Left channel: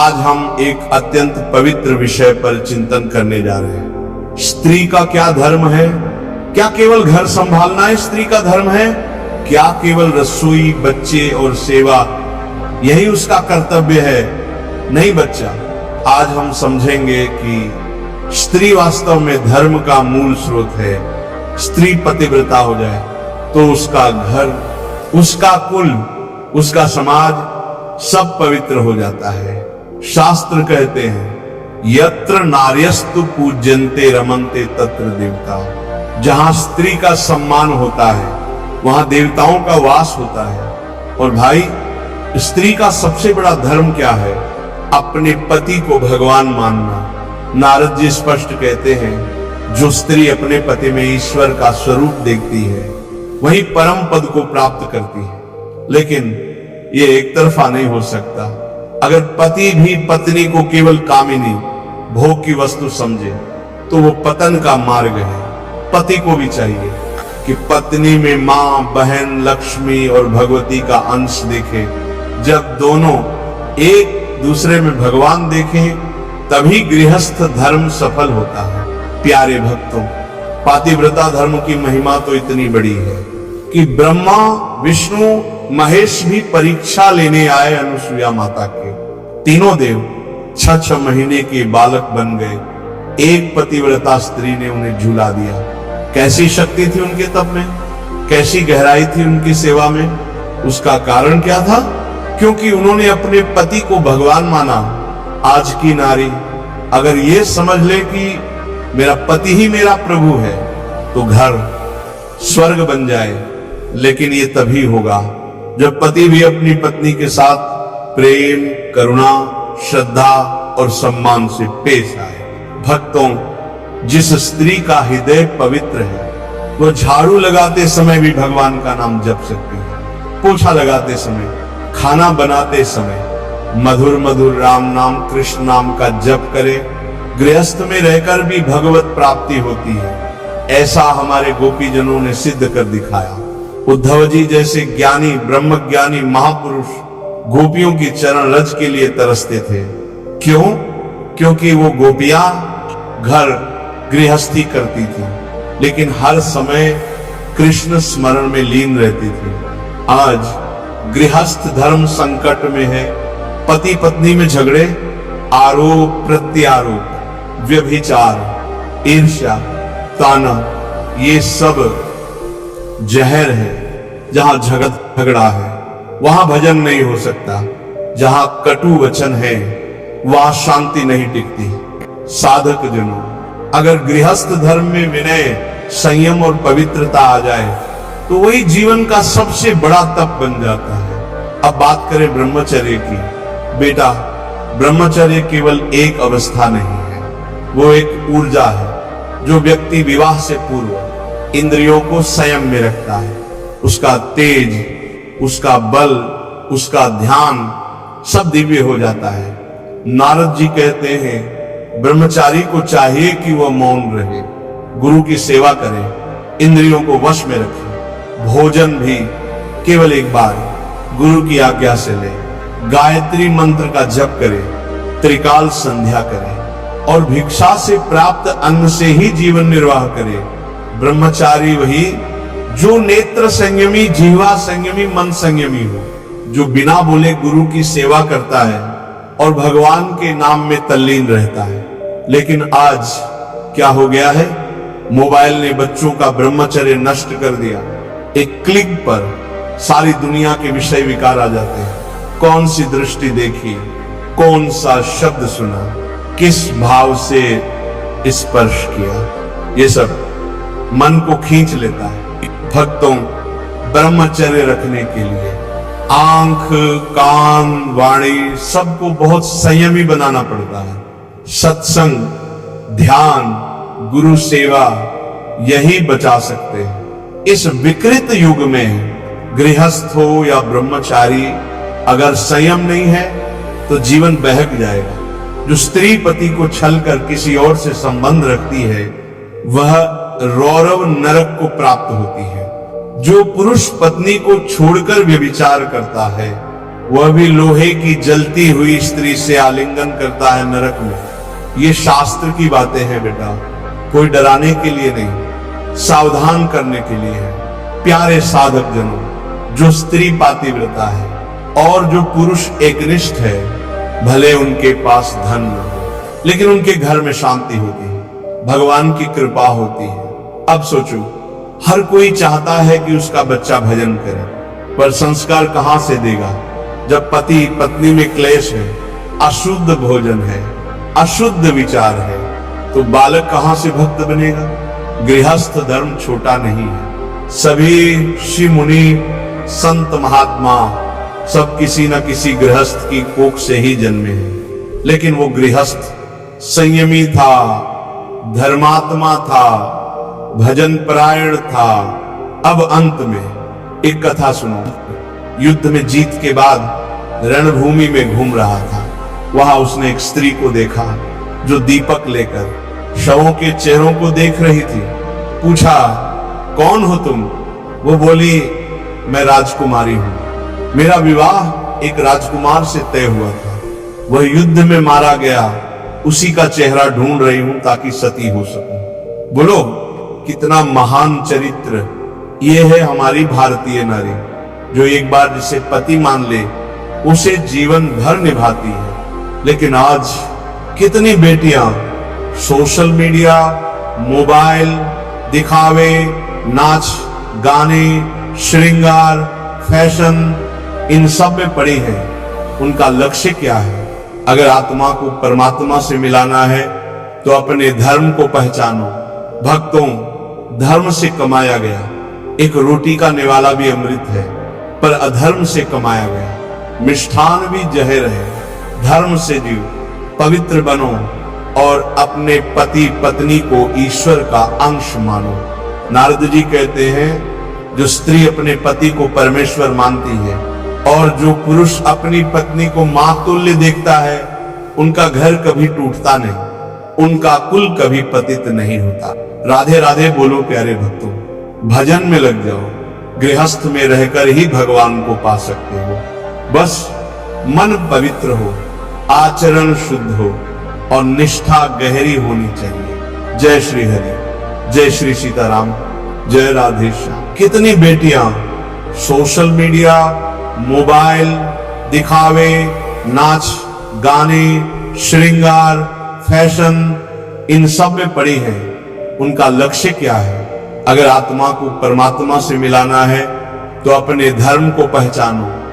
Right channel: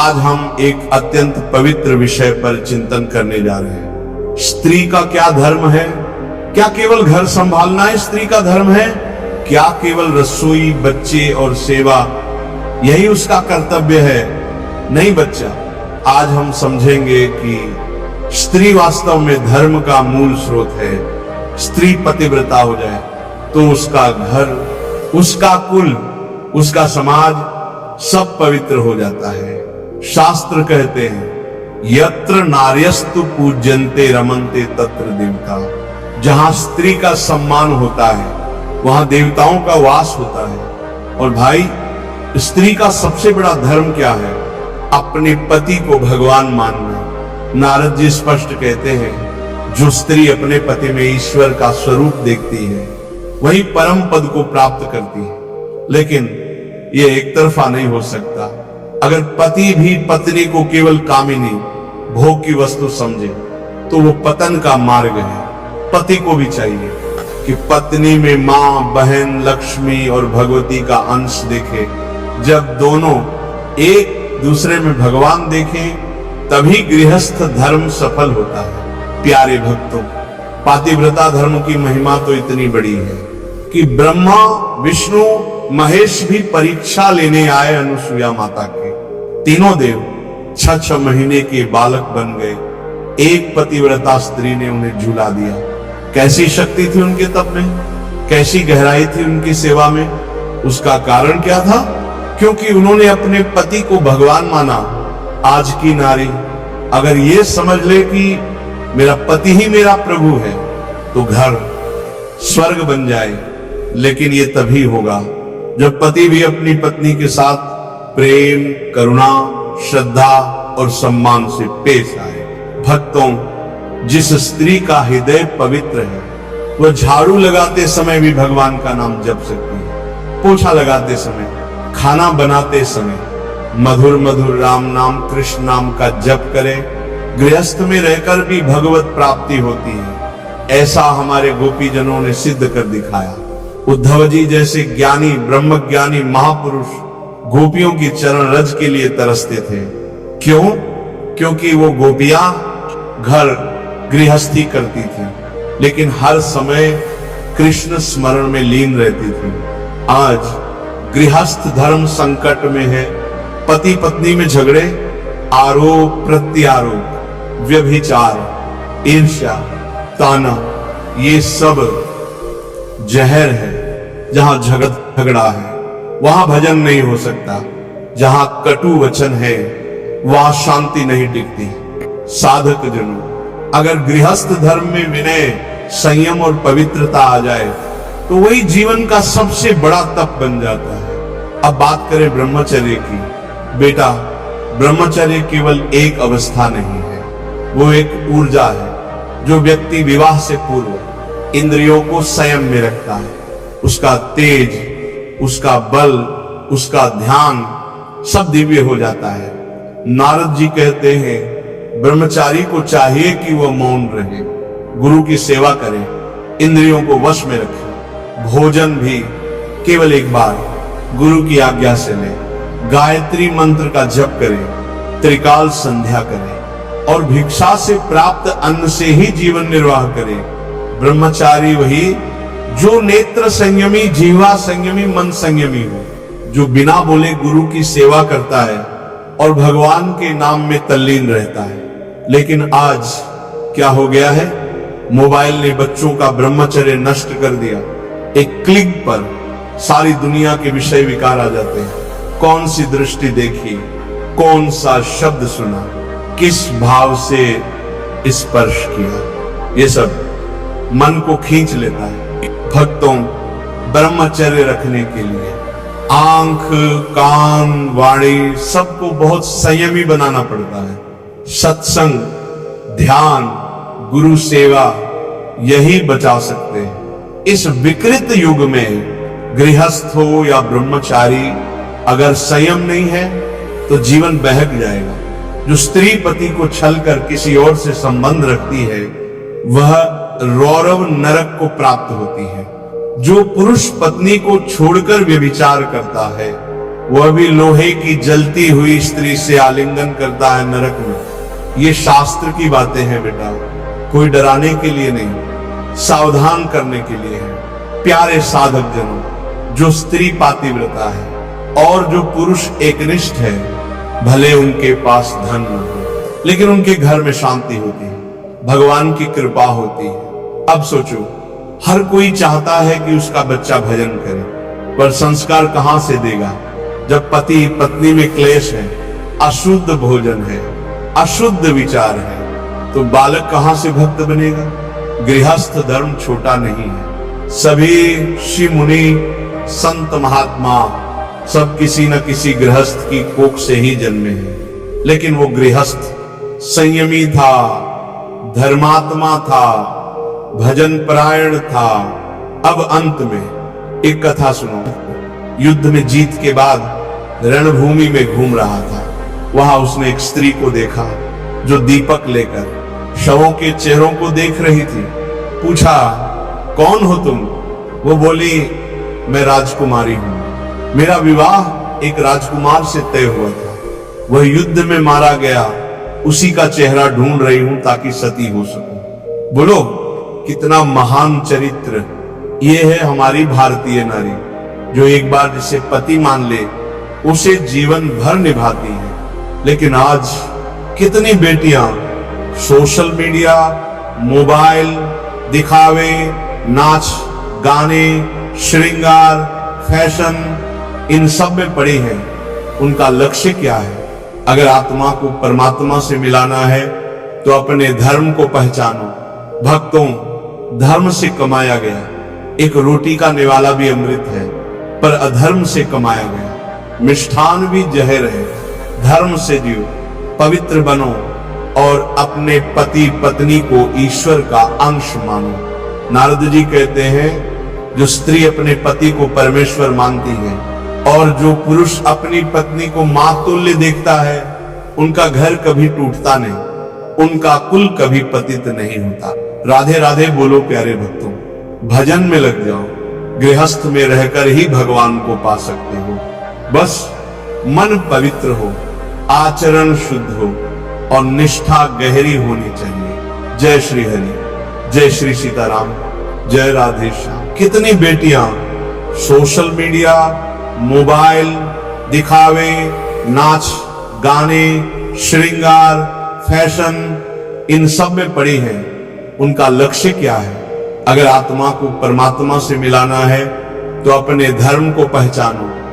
आज हम एक अत्यंत पवित्र विषय पर चिंतन करने जा रहे हैं। स्त्री का क्या धर्म है? क्या केवल घर संभालना है स्त्री का धर्म है? क्या केवल रसोई, बच्चे और सेवा यही उसका कर्तव्य है? नहीं बच्चा, आज हम समझेंगे कि स्त्री वास्तव में धर्म का मूल स्रोत है। स्त्री पतिव्रता हो जाए तो उसका घर, उसका कुल, उसका समाज सब पवित्र हो जाता है। शास्त्र कहते हैं, यत्र नार्यस्तु पूज्यन्ते रमन्ते तत्र देवता। जहां स्त्री का सम्मान होता है वहां देवताओं का वास होता है। और भाई, स्त्री का सबसे बड़ा धर्म क्या है? अपने पति को भगवान मानना। नारद जी स्पष्ट कहते हैं, जो स्त्री अपने पति में ईश्वर का स्वरूप देखती है वही परम पद को प्राप्त करती है। लेकिन ये एक तरफा नहीं हो सकता। अगर पति भी पत्नी को केवल कामिनी, भोग की वस्तु समझे तो वो पतन का मार्ग है। पति को भी चाहिए कि पत्नी में मां, बहन, लक्ष्मी और भगवती का अंश देखे। जब दोनों एक दूसरे में भगवान देखें तभी गृहस्थ धर्म सफल होता है। प्यारे भक्तों, पातिव्रता धर्म की महिमा तो इतनी बड़ी है कि ब्रह्मा, विष्णु, महेश भी परीक्षा लेने आए अनुसुईया माता के। तीनों देव 6-6 महीने के बालक बन गए। एक पतिव्रता स्त्री ने उन्हें झूला दिया। कैसी शक्ति थी उनके तप में, कैसी गहराई थी उनकी सेवा में। उसका कारण क्या था? क्योंकि उन्होंने अपने पति को भगवान माना। आज की नारी अगर ये समझ ले कि मेरा पति ही मेरा प्रभु है तो घर स्वर्ग बन जाए। लेकिन ये तभी होगा जब पति भी अपनी पत्नी के साथ प्रेम, करुणा, श्रद्धा और सम्मान से पेश आए। भक्तों, जिस स्त्री का हृदय पवित्र है वह झाड़ू लगाते समय भी भगवान का नाम जप सकती है। पोछा लगाते समय, खाना बनाते समय मधुर मधुर राम नाम, कृष्ण नाम का जप करे। गृहस्थ में रहकर भी भगवत प्राप्ति होती है। ऐसा हमारे गोपीजनों ने सिद्ध कर दिखाया। उद्धव जी जैसे ज्ञानी, ब्रह्मज्ञानी महापुरुष गोपियों की चरण रज के लिए तरसते थे। क्यों? क्योंकि वो गोपियां घर गृहस्थी करती थी लेकिन हर समय कृष्ण स्मरण में लीन रहती थी। आज गृहस्थ धर्म संकट में है। पति पत्नी में झगड़े, आरोप प्रत्यारोप, व्यभिचार, ईर्ष्या, ताना, ये सब जहर है। जहां झगड़ा है वहां भजन नहीं हो सकता। जहां कटु वचन है वहां शांति नहीं टिकती। साधक जनों, अगर गृहस्थ धर्म में विनय, संयम और पवित्रता आ जाए तो वही जीवन का सबसे बड़ा तप बन जाता है। अब बात करें ब्रह्मचर्य की। बेटा, ब्रह्मचर्य केवल एक अवस्था नहीं है, वो एक ऊर्जा है जो व्यक्ति विवाह से पूर्व इंद्रियों को संयम में रखता है। उसका तेज, उसका बल, उसका ध्यान सब दिव्य हो जाता है। नारद जी कहते हैं, ब्रह्मचारी को चाहिए कि वह मौन रहे, गुरु की सेवा करे, इंद्रियों को वश में रखे, भोजन भी केवल एक बार गुरु की आज्ञा से ले, गायत्री मंत्र का जप करे, त्रिकाल संध्या करे और भिक्षा से प्राप्त अन्न से ही जीवन निर्वाह करे। ब्रह्मचारी वही जो नेत्र संयमी, जिह्वा संयमी, मन संयमी हो, जो बिना बोले गुरु की सेवा करता है और भगवान के नाम में तल्लीन रहता है। लेकिन आज क्या हो गया है? मोबाइल ने बच्चों का ब्रह्मचर्य नष्ट कर दिया। एक क्लिक पर सारी दुनिया के विषय विकार आ जाते हैं। कौन सी दृष्टि देखी, कौन सा शब्द सुना, किस भाव से स्पर्श किया, ये सब मन को खींच लेता है। भक्तों, ब्रह्मचर्य रखने के लिए आंख, कान, वाणी सबको बहुत संयमी बनाना पड़ता है। सत्संग, ध्यान, गुरु सेवा यही बचा सकते हैं। इस विकृत युग में गृहस्थ हो या ब्रह्मचारी, अगर संयम नहीं है तो जीवन बहक जाएगा। जो स्त्री पति को छल कर किसी और से संबंध रखती है वह रौरव नरक को प्राप्त होती है। जो पुरुष पत्नी को छोड़कर व्यभिचार करता है वह भी लोहे की जलती हुई स्त्री से आलिंगन करता है नरक में। ये शास्त्र की बातें हैं बेटा, कोई डराने के लिए नहीं, सावधान करने के लिए है। प्यारे साधक जनों, जो स्त्री पातिव्रता है और जो पुरुष एकनिष्ठ है, भले उनके पास धन न हो, लेकिन उनके घर में शांति होती है, भगवान की कृपा होती है। अब सोचो, हर कोई चाहता है कि उसका बच्चा भजन करे, पर संस्कार कहां से देगा जब पति पत्नी में क्लेश है, अशुद्ध भोजन है, अशुद्ध विचार है, तो बालक कहां से भक्त बनेगा। गृहस्थ धर्म छोटा नहीं है। सभी ऋषि मुनि संत महात्मा सब किसी न किसी गृहस्थ की कोख से ही जन्मे हैं, लेकिन वो गृहस्थ संयमी था, धर्मात्मा था, भजन परायण था। अब अंत में एक कथा सुनो। युद्ध में जीत के बाद रणभूमि में घूम रहा था। वहां उसने एक स्त्री को देखा जो दीपक लेकर शवों के चेहरों को देख रही थी। पूछा, कौन हो तुम? वो बोली, मैं राजकुमारी हूं। मेरा विवाह एक राजकुमार से तय हुआ था, वह युद्ध में मारा गया, उसी का चेहरा ढूंढ रही हूं ताकि सती हो सकूं। बोलो, कितना महान चरित्र। ये है हमारी भारतीय नारी, जो एक बार जिसे पति मान ले उसे जीवन भर निभाती है। लेकिन आज कितनी बेटियां सोशल मीडिया, मोबाइल, दिखावे, नाच गाने, श्रृंगार, फैशन, इन सब में पड़ी हैं। उनका लक्ष्य क्या है? अगर आत्मा को परमात्मा से मिलाना है तो अपने धर्म को पहचानो। भक्तों, धर्म से कमाया गया एक रोटी का निवाला भी अमृत है, पर अधर्म से कमाया गया मिष्ठान भी जहर है। धर्म से जियो, पवित्र बनो और अपने पति पत्नी को ईश्वर का अंश मानो। नारद जी कहते हैं, जो स्त्री अपने पति को परमेश्वर मानती है और जो पुरुष अपनी पत्नी को मां तुल्य देखता है, उनका घर कभी टूटता नहीं, उनका कुल कभी पतित नहीं होता। राधे राधे बोलो प्यारे भक्तों, भजन में लग जाओ। गृहस्थ में रहकर ही भगवान को पा सकते हो। बस मन पवित्र हो, आचरण शुद्ध हो और निष्ठा गहरी होनी चाहिए। जय श्री हरि, जय श्री सीताराम, जय राधे श्याम। कितनी बेटियां सोशल मीडिया, मोबाइल, दिखावे, नाच गाने, श्रृंगार, फैशन, इन सब में पड़ी हैं। उनका लक्ष्य क्या है? अगर आत्मा को परमात्मा से मिलाना है तो अपने धर्म को पहचानो।